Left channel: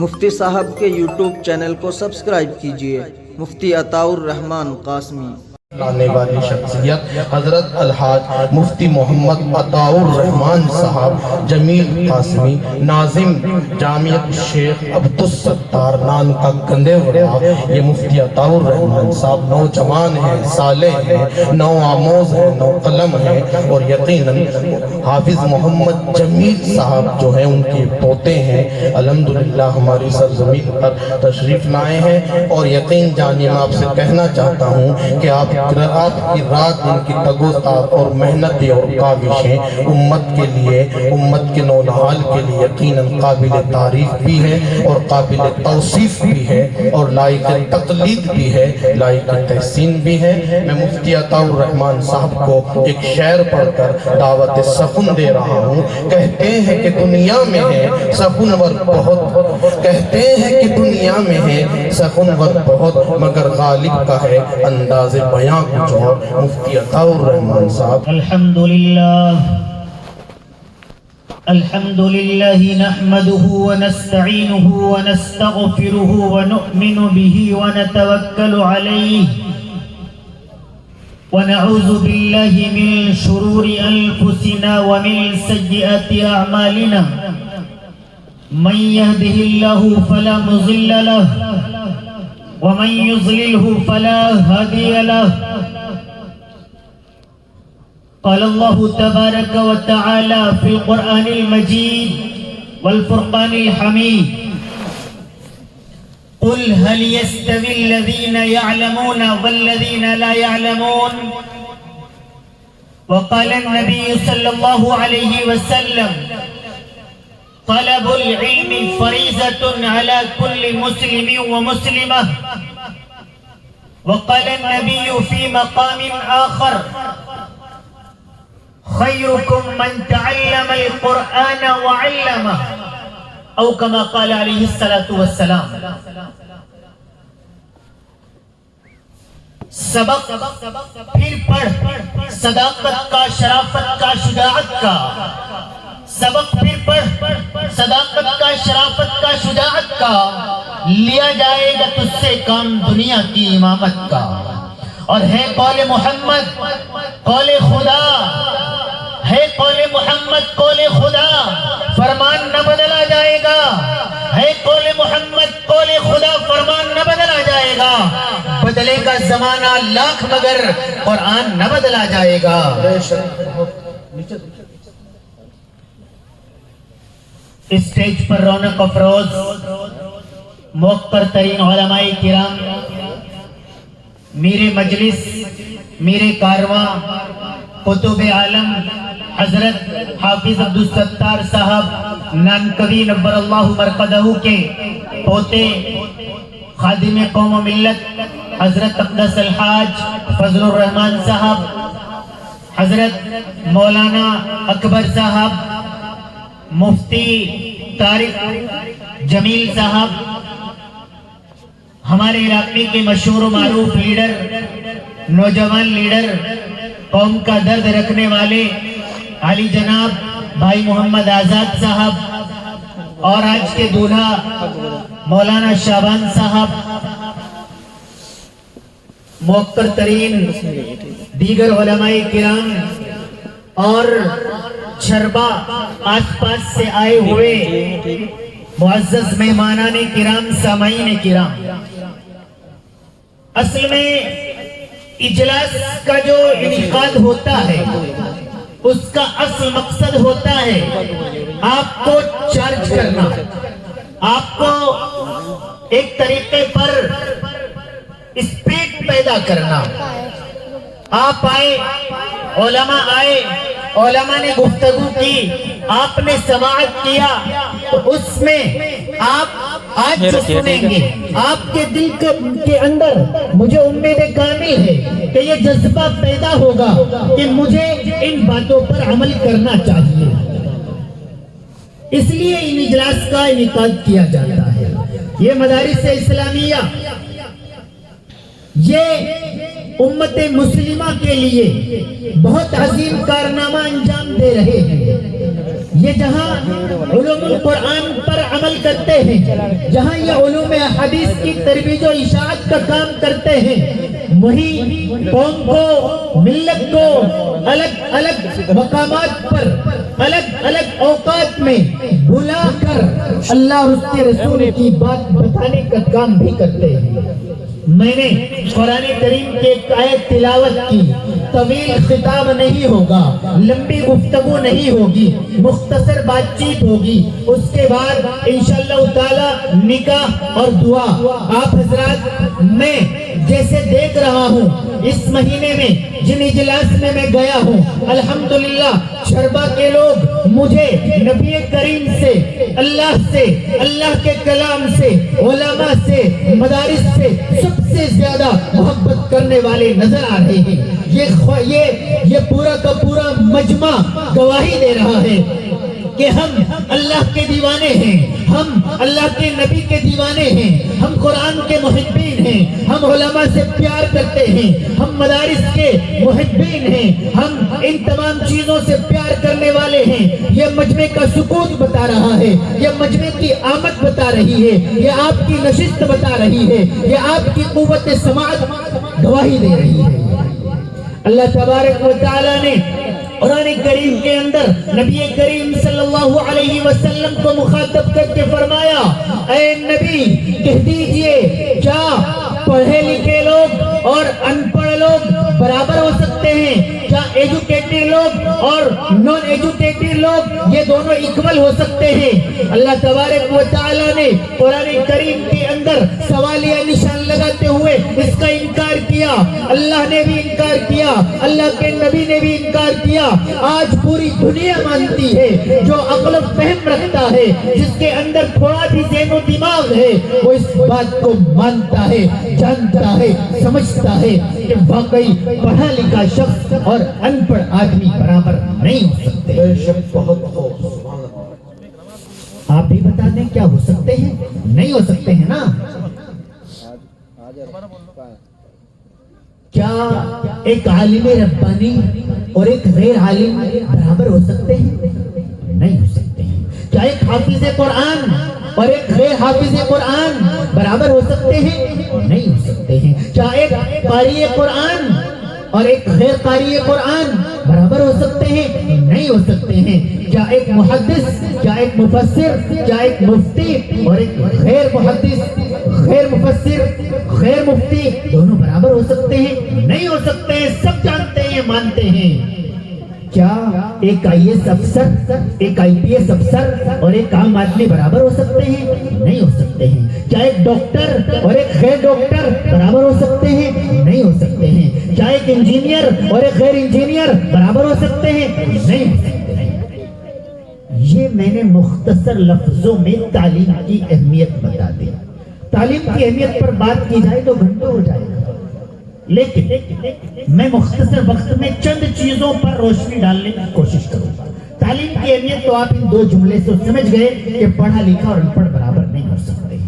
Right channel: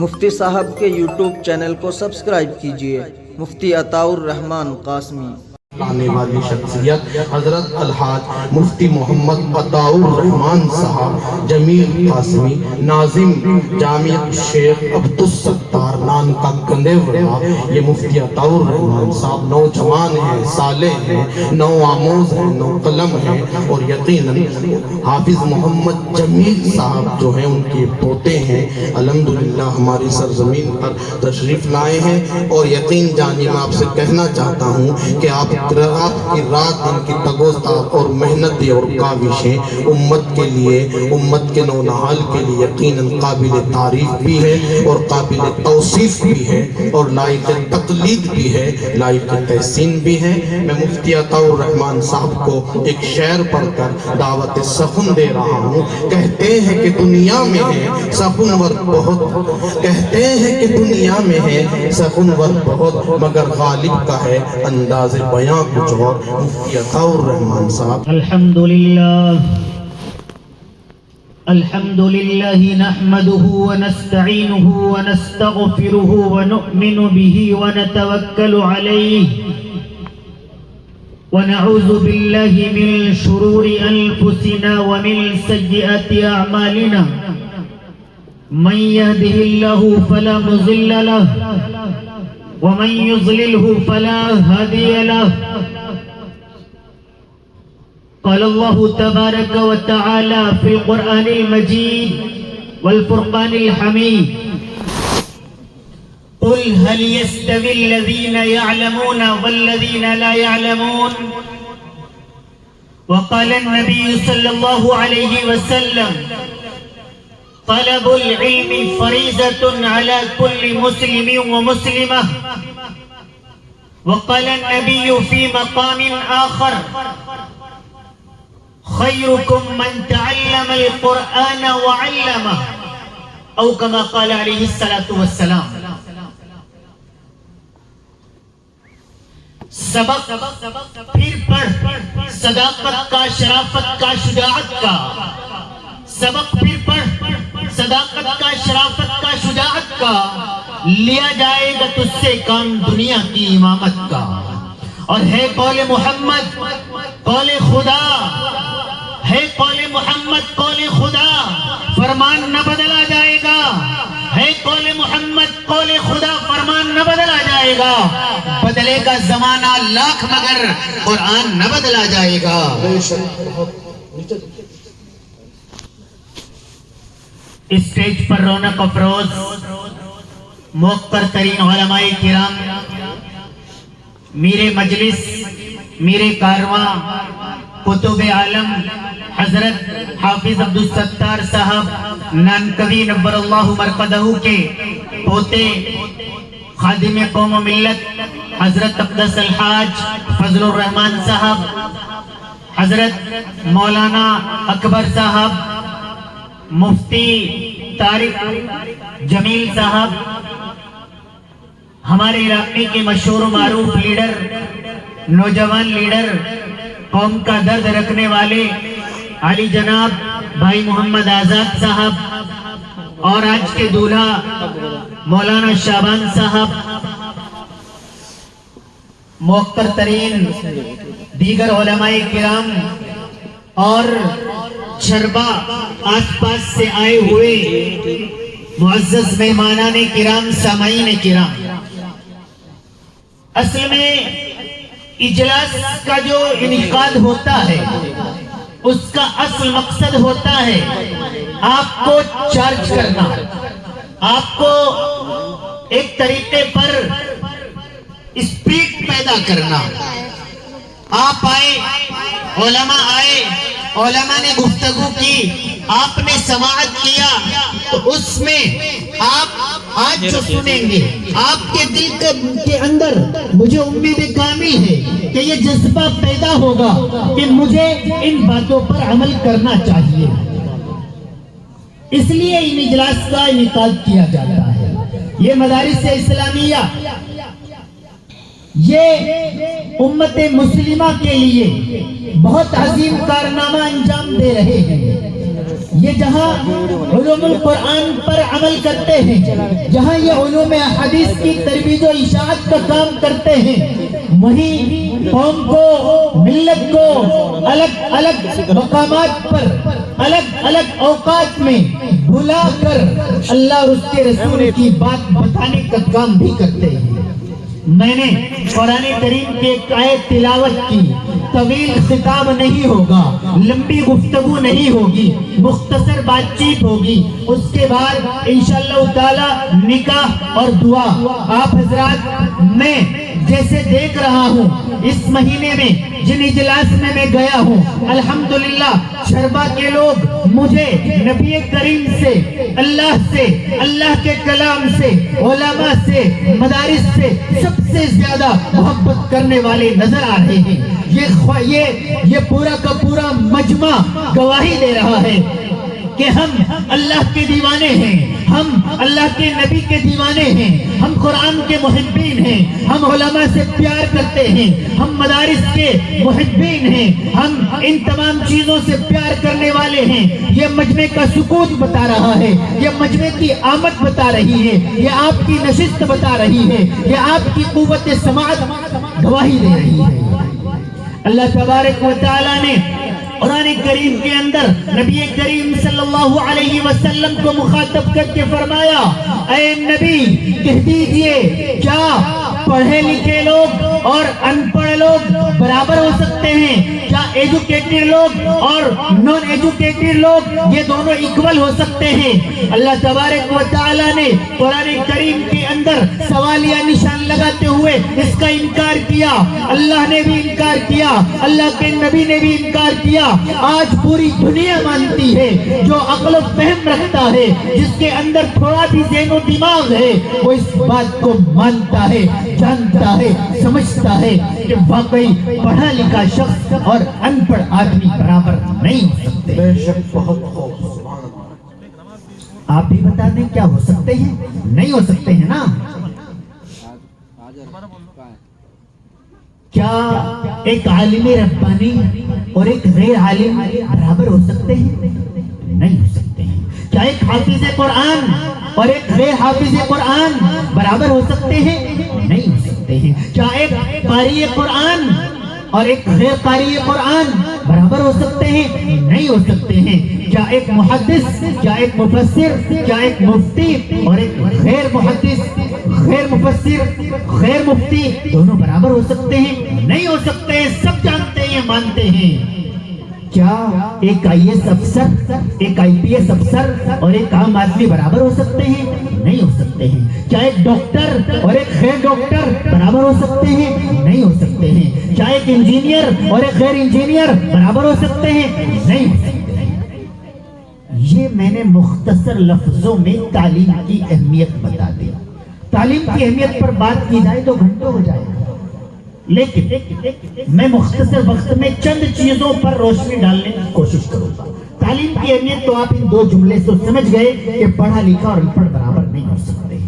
مفتی صاحب کے YouTube channel کو سبسکرائب کیجئے۔ مفتی عطاء الرحمن قاسمی۔ آنے والی شخصیت حضرت الحاج مفتی محمد عطاء الرحمن صاحب جمیل قاسمی، ناظم جامعۃ شیخ عبدالستار نام کا گندیورا۔ یہ مفتی عطاء الرحمن صاحب نوجوان ہیں، صالح ہیں، نو آموز ہیں، نو قلم ہیں، اور یقیناً حافظ محمد جمیل صاحب جو ہیں ان کے پوتے ہیں۔ الحمدللہ ہماری سرزمین پر تشریف لائے ہیں، اور یقین جانیے میں آپ سے کہنا چاہتا ہوں کہ آپ کی رات ان کی تگوتاب اور محنتیں اور کاوشیں امت کے لیے، امت کے نونہال کے لیے یقیناً قابل تعریف بھی ہے، اور قابل توصیف بھی ہے، اور لائق تقلید بھی ہے، لائق تحسین بھی ہے۔ میں مفتی عطاء الرحمن صاحب کو ایک شعر پڑھ کر دعوت سخن دے رہا ہوں۔ کہتے ہیں کہ دنیا میں ہے سخنور بہت، کہتے ہیں کہ دنیا میں ہے سخنور بہت، مگر غالب کا ہے انداز بیاں کچھ اور۔ مفتی عطاء الرحمن صاحب۔ الحمدللہ نحمده ونستعینه ونستغفره ونؤمن به ونتوکل علیہ ونعوذ باللہ من شرور انفسنا ومن سیئات اعمالنا من يهده الله فلا مضل له ومن يضلله فلا هادي له۔ قال الله تبارك وتعالى في القرآن المجيد والفرقان الحميد: قل هل يستوي الذين يعلمون والذين لا يعلمون؟ وقال النبي صلى الله عليه وسلم: طلب العلم فريضة على كل مسلم ومسلمة۔ وقال النبي في مقام آخر: خيركم من تعلم القرآن وعلمه، او كما قال عليه الصلاة والسلام۔ سبق پھر پڑھ، صداقت کا، شرافت کا، شجاعت کا۔ سبق پھر پڑھ، صداقت کا، شرافت کا، شجاعت کا، لیا جائے گا تجھ سے کام دنیا کی امامت کا۔ اور ہے قول محمد قول خدا، ہے قول محمد قول خدا، فرمان نہ بدلا جائے گا۔ ہے قول محمد قول خدا، فرمان نہ بدلا جائے گا۔ بدلے کا زمانہ لاکھ مگر قرآن نہ بدلا جائے گا۔ اسٹیج پر رونق افروز موقر ترین علماء کرام، میرے مجلس، میرے کارواں، قطب عالم حضرت حافظ عبدالستار صاحب نانکوی نور اللہ مرقدہ کے پوتے، خادم قوم و ملت حضرت اقدس الحاج فضل الرحمن صاحب، حضرت مولانا اکبر صاحب، مفتی طارق جمیل صاحب، ہمارے علاقے کے مشہور و معروف لیڈر، نوجوان لیڈر، قوم کا درد رکھنے والے علی جناب بھائی محمد آزاد صاحب، اور آج کے دولہا مولانا شعبان صاحب، موقر ترین دیگر علماء کرام، اور چھربا آس پاس سے آئے ہوئے معزز مہمانان کرام، سامعین کرام۔ اصل میں اجلاس کا جو انعقاد ہوتا ہے اس کا اصل مقصد ہوتا ہے آپ کو چارج کرنا، آپ کو ایک طریقے پر اسپرٹ پیدا کرنا۔ آپ آئے، علماء آئے، علماء نے گفتگو کی، آپ نے سماعت کیا، تو اس میں آپ آج جو سنیں گے آپ کے دل کے اندر مجھے امید کامل ہے کہ یہ جذبہ پیدا ہوگا کہ مجھے ان باتوں پر عمل کرنا چاہیے۔ اس لیے ان اجلاس کا انعقاد کیا جاتا ہے۔ یہ مدارس اسلامیہ یہ امت مسلمہ کے لیے بہت عظیم کارنامہ انجام دے رہے ہیں۔ یہ جہاں علوم القرآن پر عمل کرتے ہیں، جہاں یہ علوم حدیث کی ترویج و اشاعت کا کام کرتے ہیں، وہی قوم کو، ملت کو الگ الگ مقامات پر، الگ الگ اوقات میں بلا کر اللہ اور اس کے رسول کی بات بتانے کا کام بھی کرتے ہیں۔ میں نے قرآن کریم کے ایک آیت تلاوت کی، طویل خطاب نہیں ہوگا، لمبی گفتگو نہیں ہوگی، مختصر بات چیت ہوگی، اس کے بعد انشاءاللہ تعالی نکاح اور دعا۔ آپ حضرات، میں جیسے دیکھ رہا ہوں اس مہینے میں جن اجلاس میں گیا ہوں، الحمدللہ شربا کے لوگ مجھے نبی کریم سے، اللہ کے کلام سے، علماء سے، مدارس سے سب سے زیادہ محبت کرنے والے نظر آ رہے ہیں۔ یہ پورا کا پورا مجمع گواہی دے رہا ہے کہ ہم اللہ کے دیوانے ہیں، ہم اللہ کے نبی کے دیوانے ہیں، ہم قرآن کے محبین ہیں، ہم علماء سے پیار کرتے ہیں، ہم مدارس کے محبین ہیں، ہم ان تمام چیزوں سے پیار کرنے والے ہیں۔ یہ مجمع کا سکوت بتا رہا ہے، یہ مجمع کی آمد بتا رہی ہے، یہ آپ کی نشست بتا رہی ہے، یہ آپ کی قوت سماعت گواہی دے رہی ہے۔ اللہ تبارک و تعالی نے قرآن کریم کے اندر نبی کریم صلی اللہ علیہ وسلم کو مخاطب کر کے فرمایا، اے نبی کہہ دیجئے کیا پڑھے لکھے لوگ اور ان پڑھ لوگ برابر ہو سکتے ہیں؟ کیا ایجوکیٹڈ لوگ اور نان ایجوکیٹڈ لوگ یہ دونوں ایکول ہو سکتے ہیں؟ اللہ تبارک و تعالی نے قرآن کریم کے اندر سوالیہ نشان لگاتے ہوئے اس کا انکار کیا۔ اللہ نے بھی انکار کیا، اللہ کے نبی نے بھی انکار کیا۔ آج پوری دنیا مانتی ہے، جو عقل و فہم رکھتا ہے، جس کے اندر تھوڑا بھی ذہن و دماغ ہے، وہ اس بات کو مانتا ہے، جانتا ہے، سمجھتا ہے کہ واقعی پڑھا لکھا شخص اور ان پڑھ آدمی برابر نہیں ہو سکتے۔ بے شک بہت خوب، آپ بھی بتا دیں کیا ہو سکتے ہیں؟ نہیں ہو سکتے ہیں نا۔ کیا ایک عالم ربانی اور ایک غیر عالم برابر ہو سکتے ہیں؟ نہیں ہو سکتے ہیں۔ کیا ایک حافظ قرآن اور ایک غیر حافظ قرآن برابر ہو سکتے ہیں؟ نہیں ہو سکتے ہیں۔ کیا ایک قاری قرآن اور ایک غیر قاری قرآن برابر ہو سکتے ہیں؟ نہیں ہو سکتے ہیں۔ کیا ایک محدث، کیا ایک مفسر، کیا ایک مفتی اور ایک غیر محدث، غیر مفسر، غیر مفتی دونوں برابر ہو سکتے ہیں؟ نہیں ہو سکتے ہیں۔ سب جانتے ہیں، مانتے ہیں۔ کیا ایک آئی ایس افسر، ایک آئی پی ایس افسر اور ایک عام آدمی برابر ہو سکتے ہیں؟ نہیں ہو سکتے ہیں۔ کیا ایک ڈاکٹر اور ایک غیر ڈاکٹر برابر ہو سکتے ہیں؟ نہیں ہو سکتے ہیں۔ کیا ایک انجینئر اور ایک غیر انجینئر برابر ہو سکتے ہیں؟ نہیں ہو سکتے ہیں۔ یہ میں نے مختصر لفظوں میں تعلیم کی اہمیت بتا دی۔ تعلیم کی اہمیت پر بات کی جائے تو گھنٹوں ہو جائے گا، لیکن میں مختصر وقت میں چند چیزوں پر روشنی ڈالنے کی کوشش کروں گا۔ تعلیم کی اہمیت تو آپ ان دو جملے سے سمجھ گئے کہ پڑھا لکھا اور ان پڑھ برابر نہیں ہو سکتے۔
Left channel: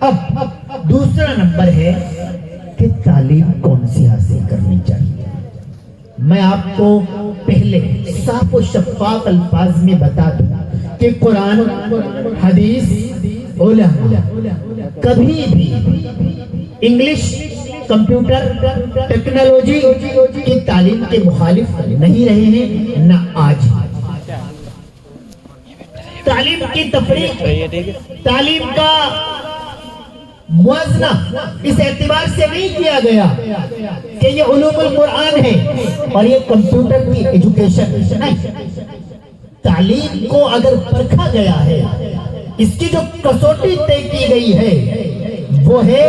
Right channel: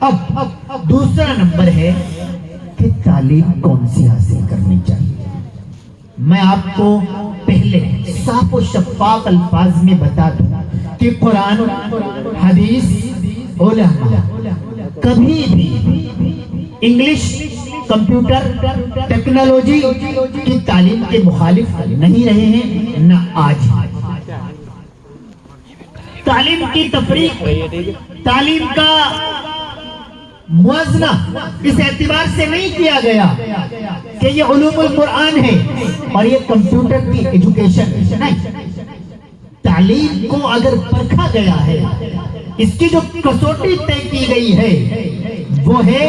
اب دوسرا نمبر ہے کہ تعلیم کون سی حاصل کرنی چاہیے۔ میں آپ کو پہلے صاف و شفاف الفاظ میں بتا دوں کہ قرآن، حدیث، علماء کبھی بھی انگلش، کمپیوٹر، ٹیکنالوجی کی تعلیم کے مخالف نہیں رہے ہیں، نہ آج۔ تعلیم کی تفریق، تعلیم کا موازنہ اس اعتبار سے نہیں کیا گیا کہ یہ علوم القرآن ہے اور یہ کمپیوٹر کی ایجوکیشن ہے، نہیں۔ تعلیم کو اگر پرکھا گیا ہے، اس کی جو کسوٹی طے کی گئی ہے وہ ہے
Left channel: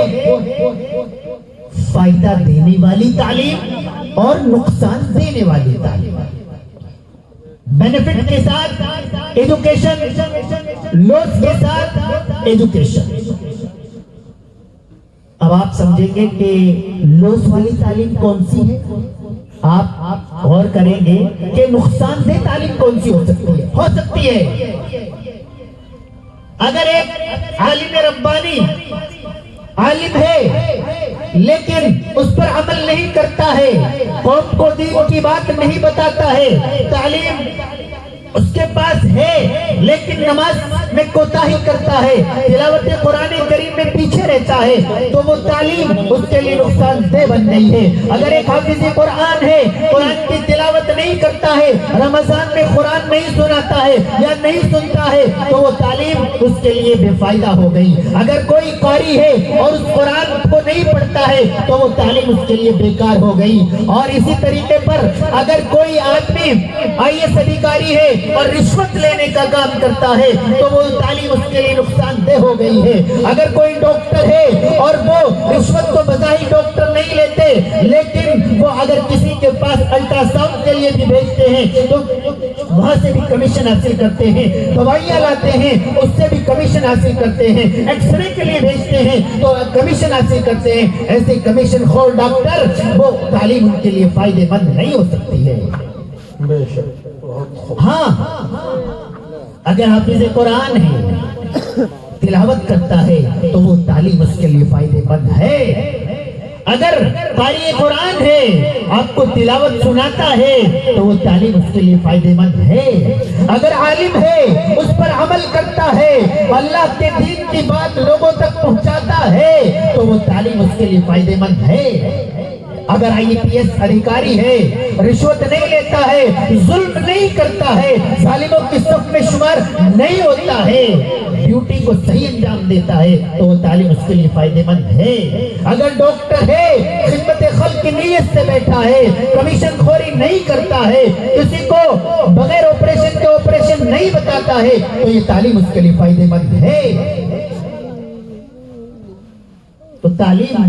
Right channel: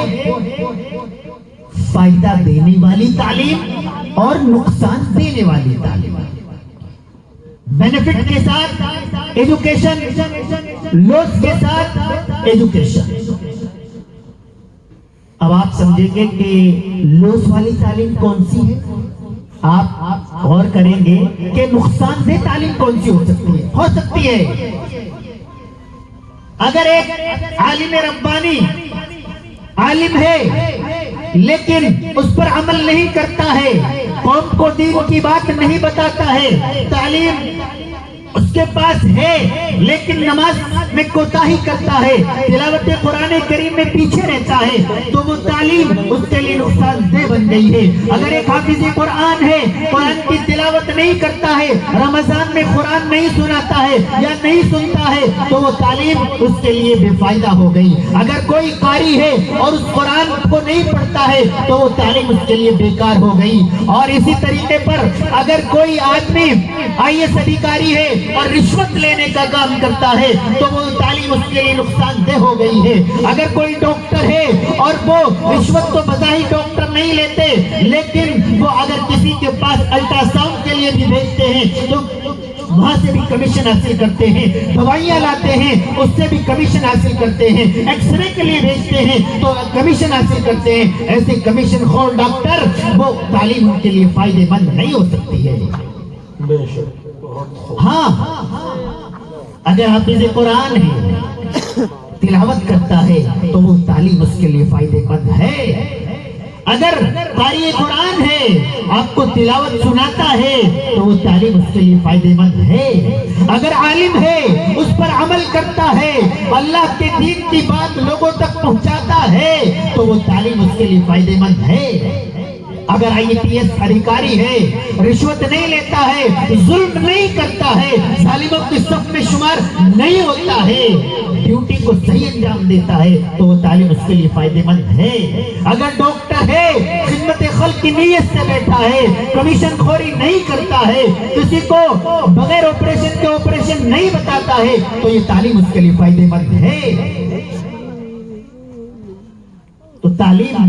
فائدہ دینے والی تعلیم اور نقصان دینے والی تعلیم۔ بینیفٹ کے ساتھ ایجوکیشن، لاس کے ساتھ ایجوکیشن۔ اب آپ سمجھیں گے کہ لاس والی تعلیم کون سی ہے؟ آپ غور کریں گے کہ نقصان دہ تعلیم کون سی ہو سکتی ہے؟ ہو سکتی ہے اگر ایک عالم ربانی عالم ہے لیکن اس پر عمل نہیں کرتا ہے، قوم کو دین کی بات نہیں بتاتا ہے، تعلیم اس کے پاس ہے لیکن نماز میں کوتاہی کرتا ہے، تلاوت قرآن کریم میں پیچھے رہتا ہے، تو وہ تعلیم اس کے لیے نقصان دہ بن گئی ہے۔ اگر ایک حافظ قرآن ہے، قرآن کی تلاوت نہیں کرتا ہے، رمضان میں قرآن نہیں سناتا ہے یا نہیں سنتا ہے، تو وہ تعلیم اس کے لیے بے فائدہ ہو گئی۔ اگر کوئی قاری ہے اور اس قرآن کو نہیں پڑھتا ہے تو وہ تعلیم اس کے لیے بیکار ہو گئی۔ اور اسی طریقے پر اگر کوئی آدمی IAS ادھیکاری ہے اور رشوت لینے کا کام کرتا ہے تو وہ تعلیم اس کے لیے نقصان دہ ہو گئی ہے۔ اگر کوئی ڈاکٹر ہے اور وہ رشوت تو بظاہر ڈاکٹر نہیں لیتے، لیکن وہ اگر کسی کے پاس الٹرا ساؤنڈ کے لیے بھی بھیجتے ہیں تو وہاں سے بھی کمیشن حاصل کرتے ہیں، دوائیاں لاتے ہیں اس سے بھی کمیشن حاصل کرتے ہیں، ایکس رے کے لیے بھیجتے ہیں تو کمیشن حاصل کرتے ہیں۔ ایسے کمیشن خور ڈاکٹر، وہ تعلیم ان کے لیے فائدے مند نہیں ہو سکتی ہے۔ بے شک بہت خوب۔ ہاں، اگر حافظ قرآن ہے، تلاوت کرتا ہے تو وہ تعلیم اس کے لیے فائدے مند ہے۔ اگر قاری قرآن ہے، آپ کو تلاوت سناتا ہے تو وہ تعلیم اس کے لیے فائدے مند ہے۔ اگر عالم ہے، اس پر عمل کرتا ہے، اللہ کے دین کی بات لوگوں تک پہنچاتا ہے تو وہ تعلیم اس کے لیے فائدے مند ہے۔ اگر IAS ادھیکاری ہے، رشوت نہیں لیتا ہے، ظلم نہیں کرتا ہے، ظالموں کی صف میں شمار نہیں ہوتا ہے، ڈیوٹی کو صحیح انجام دیتا ہے تو وہ تعلیم اس کے لیے فائدے مند ہے۔ اگر ڈاکٹر ہے، خدمت خلق کی نیت سے بیٹھا ہے، کمیشن خوری نہیں کرتا ہے، کسی کو بغیر آپریشن کے آپریشن نہیں بتاتا ہے تو یہ تعلیم اس کے لیے فائدے مند ہے۔ تو تعلیم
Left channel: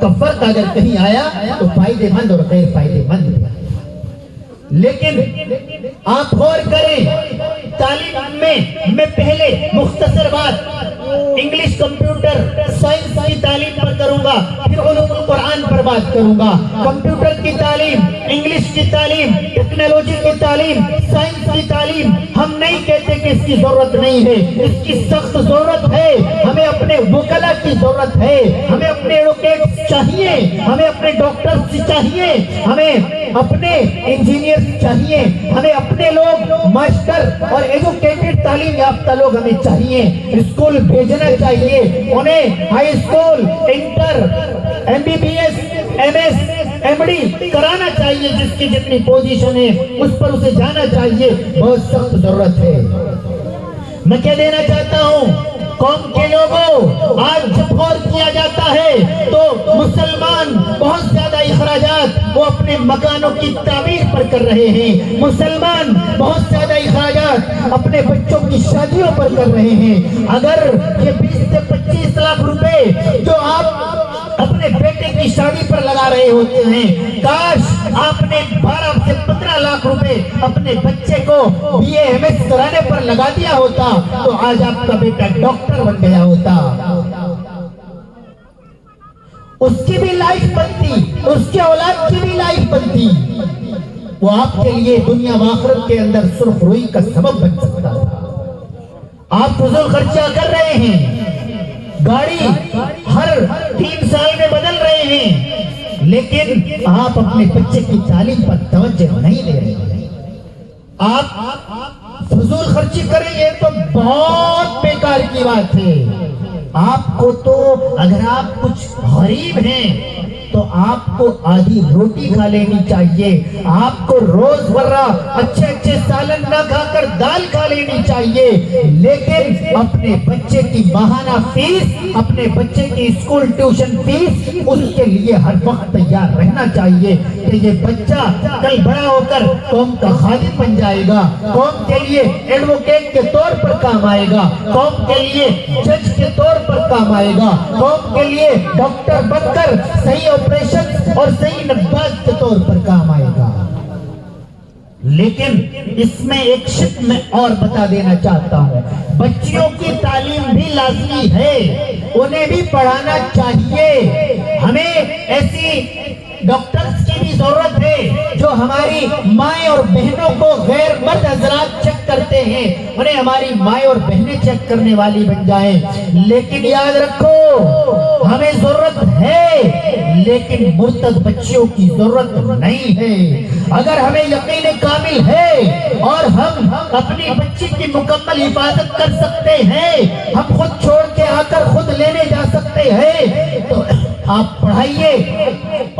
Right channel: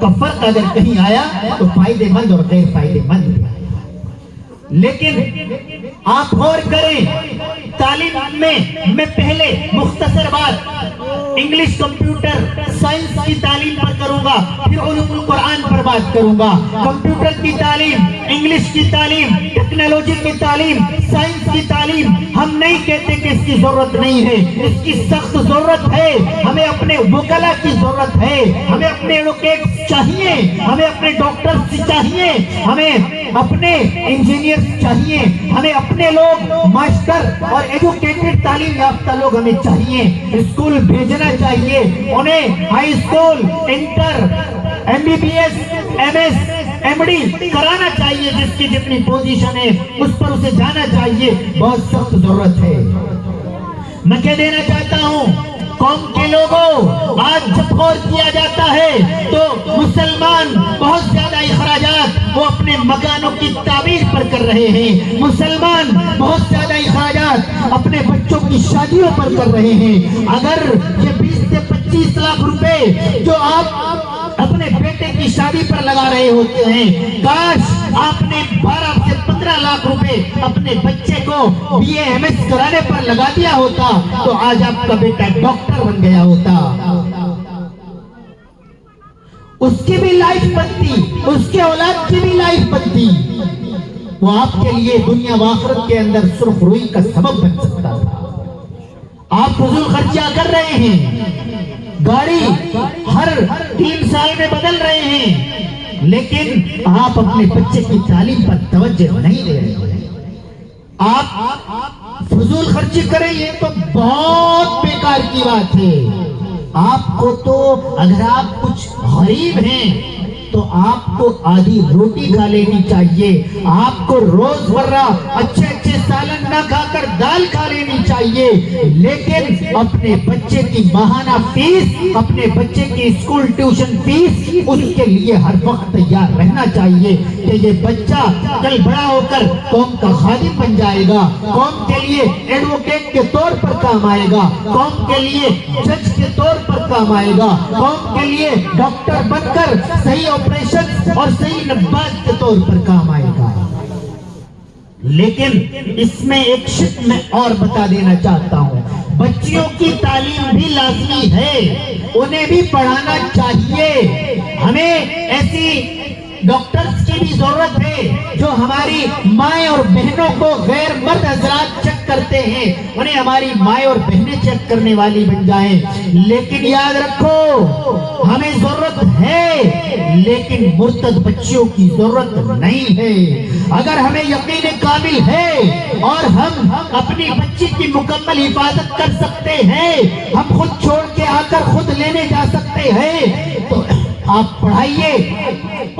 کا فرق اگر کہیں آیا تو فائدے مند اور غیر فائدے مند بھی آیا۔ لیکن آپ غور کریں، تعلیم میں پہلے مختصر بات انگلش، کمپیوٹر، سائنس کی تعلیم پر کروں گا، پھر علوم القرآن پر بات کروں گا۔ کمپیوٹر کی تعلیم، انگلش کی تعلیم، ٹیکنالوجی کی تعلیم، سائنس کی تعلیم، ہم نہیں کہتے کہ اس کی ضرورت نہیں ہے، اس کی سخت ضرورت ہے۔ ہمیں اپنے وکلا کی ضرورت ہے، ہمیں اپنے ایڈوکیٹس چاہیے، ہمیں اپنے ڈاکٹرز چاہیے، ہمیں اپنے انجینئرز چاہیے، ہمیں اپنے لوگ ماسٹر اور ایجوکیٹڈ تعلیم یافتہ لوگ ہمیں چاہیے۔ اسکول بھیجنا چاہیے انہیں، high school, inter, MBBS، MS، MD کرانا چاہیے، جس کی جتنی پوزیشن ہے اس پر اسے جانا چاہیے، بہت سخت ضرورت ہے۔ میں کیا دینا چاہتا ہوں، قوم کے لوگوں، آج جب غور کیا جاتا ہے تو مسلمان بہت زیادہ اخراجات وہ اپنے مکانوں کی تعمیر پر کر رہے ہیں، مسلمان بہت زیادہ اخراجات اپنے بچوں کی شادیوں پر کر رہے ہیں۔ اگر یہ 20 سے 25 لاکھ روپے جو آپ اپنے بیٹے کی شادی پر لگا رہے ہوتے ہیں، کاش آپ نے 12 سے 15 لاکھ روپے اپنے بچے کو BA MS کرانے پر لگا دیا ہوتا تو آج آپ کا بیٹا ڈاکٹر بن گیا ہوتا، اس کی بھی لائف بنتی، اس کے اولاد کی بھی لائف بنتی، وہ آپ کے لیے دنیا و آخرت کے اندر سرخ روئی کا سبب بن سکتا تھا۔ آپ فضول خرچیاں کر رہے ہیں، گاڑی ہر 3 سال میں بدل رہے ہیں، لیکن آپ اپنے بچے کی تعلیم پر توجہ نہیں دے رہے ہیں۔ آپ فضول خرچی کریں، یہ تو بہت بیکار کی بات ہے۔ آپ کو تو اگر آپ کچھ غریب ہیں تو آپ کو آدھی روٹی کھا لینی چاہیے، آپ کو روز مرہ اچھے سالن نہ کھا کر دال کھا لینی چاہیے، لیکن اپنے بچے کی ماہانہ فیس، اپنے بچے کی اسکول ٹیوشن فیس، اس کے لیے ہر وقت تیار رہنا چاہیے کہ یہ بچہ کل بڑا ہو کر قوم کا خادم بن جائے گا، قوم کے لیے ایڈوکیٹ کے طور پر کام آئے گا، قوم کے لیے جج کے طور پر کام آئے گا، قوم کے لیے ڈاکٹر بن کر صحیح آپریشن اور صحیح نباز کے طور پر کام آئے گا۔ لیکن اس میں ایک شک میں اور بتا دینا چاہتا ہوں، بچیوں کی تعلیم بھی لازمی ہے، انہیں بھی پڑھانا چاہیے۔ ہمیں ایسی ڈاکٹرز کی بھی ضرورت ہے جو ہماری مائیں اور بہنوں کو غیر مرد حضرات چیک کرتے ہیں، انہیں ہماری مائیں اور بہنیں چیک کرنے والی بن جائیں۔ لیکن یاد رکھو، ہمیں ضرورت ہے لیکن مرتد بچیوں کی ضرورت نہیں ہے. اگر ہمیں یقین کامل ہے اور ہم اپنی بچی کی مکمل حفاظت کر سکتے ہیں, ہم خود چھوڑ کے آ کر خود لینے جا سکتے ہیں, تو آپ پڑھائیے.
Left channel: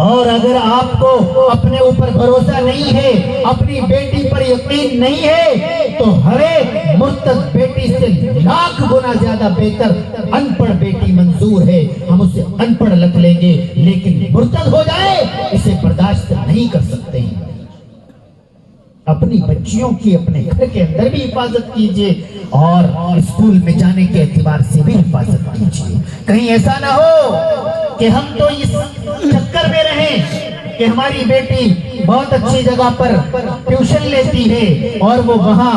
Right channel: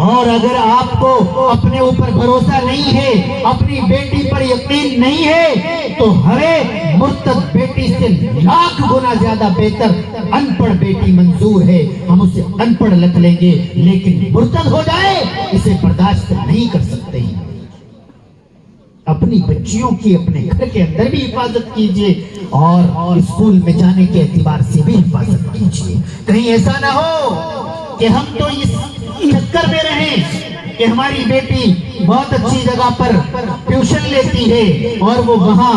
اور اگر آپ کو اپنے اوپر بھروسہ نہیں ہے, اپنی بیٹی پر یقین نہیں ہے, تو ہمیں مرتد بیٹی سے لاکھ گنا زیادہ بہتر ان پڑھ بیٹی منظور ہے. ہم اسے ان پڑھ رکھ لیں گے, لیکن مرتد ہو جائے اسے برداشت نہیں کر سکتے ہیں. اپنی بچیوں کی اپنے گھر کے اندر بھی حفاظت کیجیے اور اسکول میں جانے کے اعتبار سے بھی حفاظت کیجیے. کہیں ایسا نہ ہو کہ ہم تو اس چکر میں رہیں کہ ہماری بیٹی بہت اچھی جگہ پر ٹیوشن لیتی ہے اور وہ وہاں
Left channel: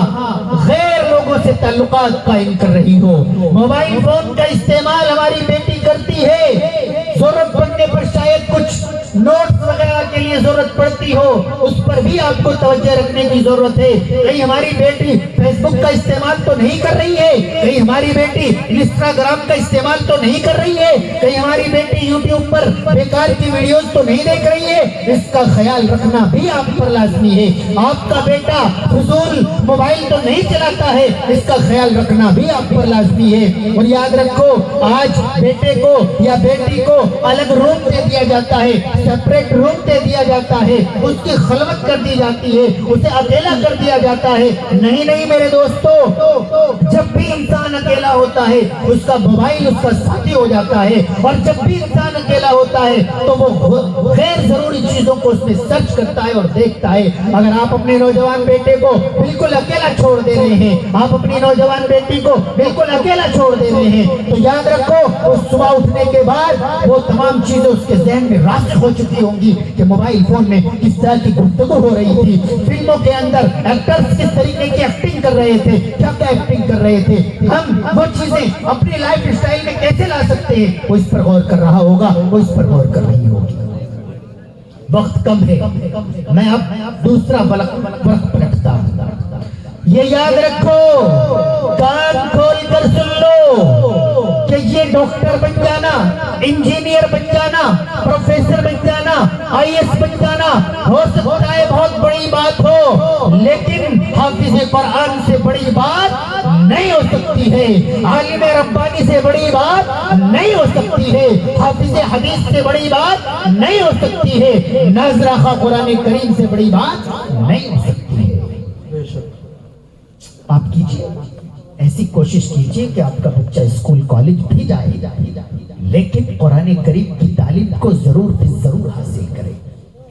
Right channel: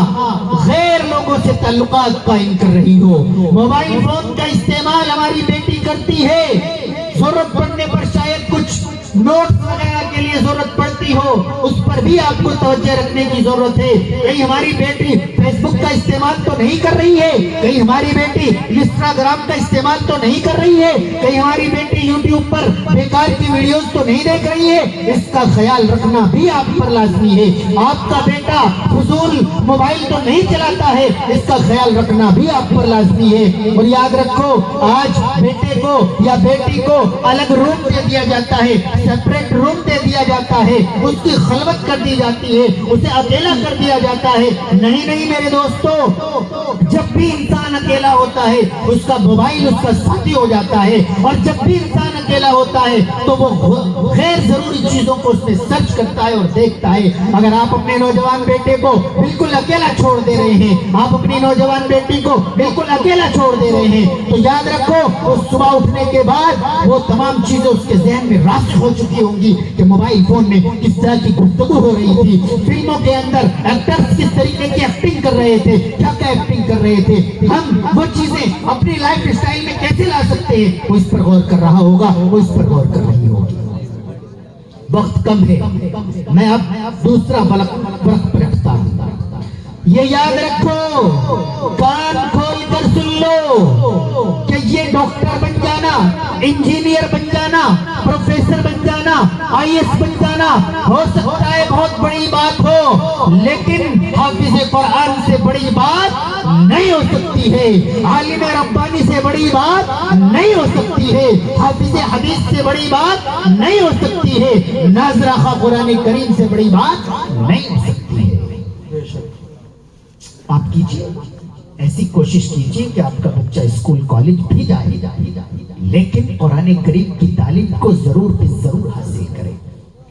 غیر لوگوں سے تعلقات قائم کر رہی ہو, موبائل فون کا استعمال ہماری بیٹی کرتی ہے, ضرورت پڑنے پر شاید کچھ نوٹس وغیرہ کے لیے ضرورت پڑتی ہو, اس پر بھی آپ کو توجہ رکھنے کی ضرورت ہے. کہیں ہماری بیٹی فیس بک کا استعمال تو نہیں کر رہی ہے, کہیں ہماری بیٹی انسٹاگرام کا استعمال تو نہیں کر رہی ہے, کہیں ہماری بیٹی یوٹیوب پر بیکار کی ویڈیوز تو نہیں دیکھ رہی ہے. اس کا خیال رکھنا بھی آپ پر لازمی ہے. آپ کا بیٹا فضول موبائل تو نہیں چلاتا ہے, اس کا خیال رکھنا بھی آپ پر لازمی ہے. اور یاد رکھو, آج بیٹے کو یا بیٹی کو الگ روم دے دیا جاتا ہے, سیپریٹ روم دے دیا جاتا ہے, اس کی خلوت کر دی جاتی ہے, اسے اکیلا کر دیا جاتا ہے. نہیں میرے دوستو, جب بھی انسان اکیلا ہوتا ہے اس کا موبائل اس کا ساتھی ہو جاتا ہے, اور جب بھی انسان اکیلا ہوتا ہے تو وہ غیر ضروری چیزوں کو اس میں سرچ کرتا ہے اور دیکھتا ہے. اگر آپ اپنے نوجوان بیٹے کو بالکل اکیلا چھوڑ دے رہے ہیں, آپ اپنی نوجوان بیٹی کو بالکل اکیلا چھوڑ دے رہے ہیں, تو یاد رکھو اس صبح اٹھنے کے بعد وہ تمام چیزیں اس کے ذہن میں راسخ ہو چکی ہوں گی کہ موبائل فون میں کس طرح کی گفتگو ہو رہی تھی, فلموں کے اندر ایکٹرز کس طریقے کی ایکٹنگ کر رہے تھے, کیا کیا ایکٹنگ کر رہے تھے, ہم وہ چیزیں اپنی لائف اسٹائل میں کیسے لا سکتے ہیں, وہ اس پر غور کر رہا ہوگا, وہ اس پر غور کر رہی ہوگی. وقت کم ہے, میں اب دوسرا وقت پلٹتا ہوں. یہ یاد رکھو, کان کھول کر سن لو کہ یہ ڈاکٹر بن جانا, انجینئر بن جانا, پروفیسر بن جانا, آئی ایس بن جانا ہو سکتا ہے بہت بڑی بات ہو, لیکن حافظ قرآن سے بڑی بات نہیں ہو سکتی ہے, عالم ربانی سے بڑی بات نہیں ہو سکتی ہے, حافظ حدیث سے بڑی بات نہیں ہو سکتی ہے, ناظرہ خواہ قرآن کریم سے بڑی بات نہیں ہو سکتی ہے. آپ کیجئے, ایسی کوشش کیجئے کہ آپ کا بچہ اسکول کالج بھی جائے, لیکن قرآن کریم کی تعلیم کو ضرور بھی ضرور حاصل کرے.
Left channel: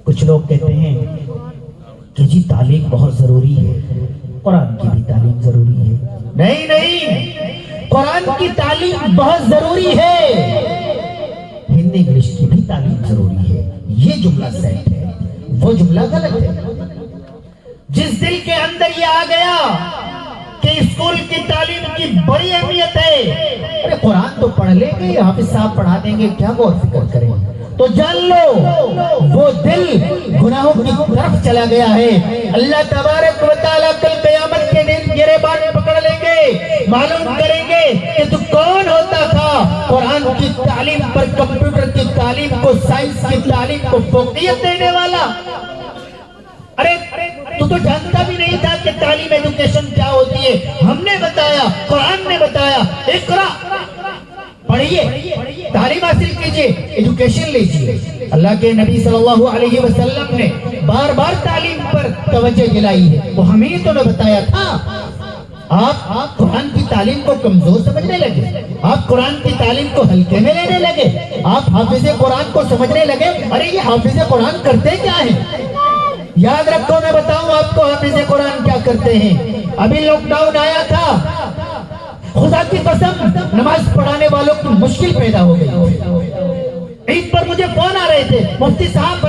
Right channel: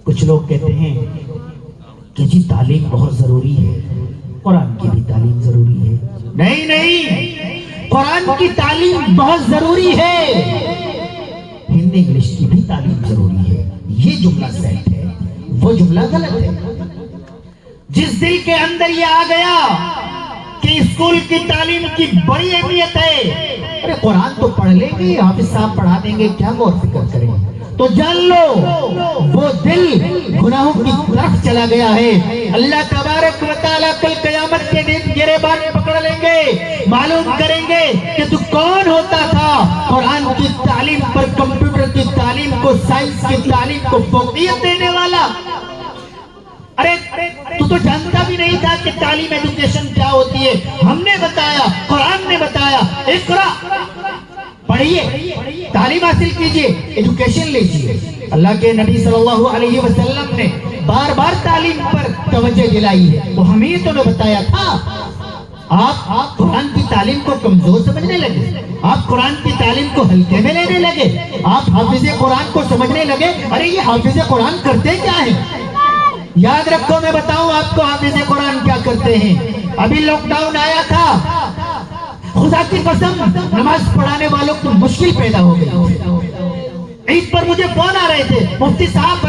کچھ لوگ کہتے ہیں کہ جی تعلیم بہت ضروری ہے, قرآن کی بھی تعلیم ضروری ہے. نہیں, قرآن کی تعلیم بہت ضروری ہے, ہندی انگلش کی بھی تعلیم ضروری ہے. یہ جملہ سیٹ ہے, وہ جملہ غلط ہے. جس دل کے اندر یہ آ گیا کہ اسکول کی تعلیم کی بڑی اہمیت ہے, ارے قرآن تو پڑھ لیں گے, حافظ صاحب پڑھا دیں گے, کیا غور فکر کریں, تو جان لو وہ دل گناہوں کی طرف چلا گیا ہے. اللہ تبارک و تعالیٰ کل قیامت کے دن گریبان پکڑ لیں گے, معلوم کریں گے کہ تو کون ہوتا تھا قرآن کی تعلیم پر کمپیوٹر کی تعلیم کو, سائنس کی تعلیم کو فوقیت دینے والا. ارے تو جانتا بھی نہیں تھا کہ تعلیم ایجوکیشن کیا ہوتی ہے, ہم نے بتایا, قرآن نے بتایا. اقرا, پڑھیے, تعلیم حاصل کیجئے, ایجوکیشن لیجئے. اللہ کے نبی صلی اللہ علیہ وسلم نے بار بار تعلیم پر توجہ دلائی ہے, تو ہمیں تو نے بتایا تھا. آپ قرآن کی تعلیم کو کمزور سمجھنے لگے, آپ قرآن کی تعلیم کو ہلکے میں لینے لگے, آپ حافظ قرآن کو سمجھنے لگے ارے یہ حافظ قرآن کرتے کیا ہے. یاد رکھو, میں بتاؤں آپ کو حافظ قرآن کیا کرتے ہیں. ابھی لاک ڈاؤن آیا تھا, خدا کی قسم نماز پڑھانے والوں کو مشکل پیدا ہو گئی. عید پر مجھے فون آ رہے تھے, مفتی صاحب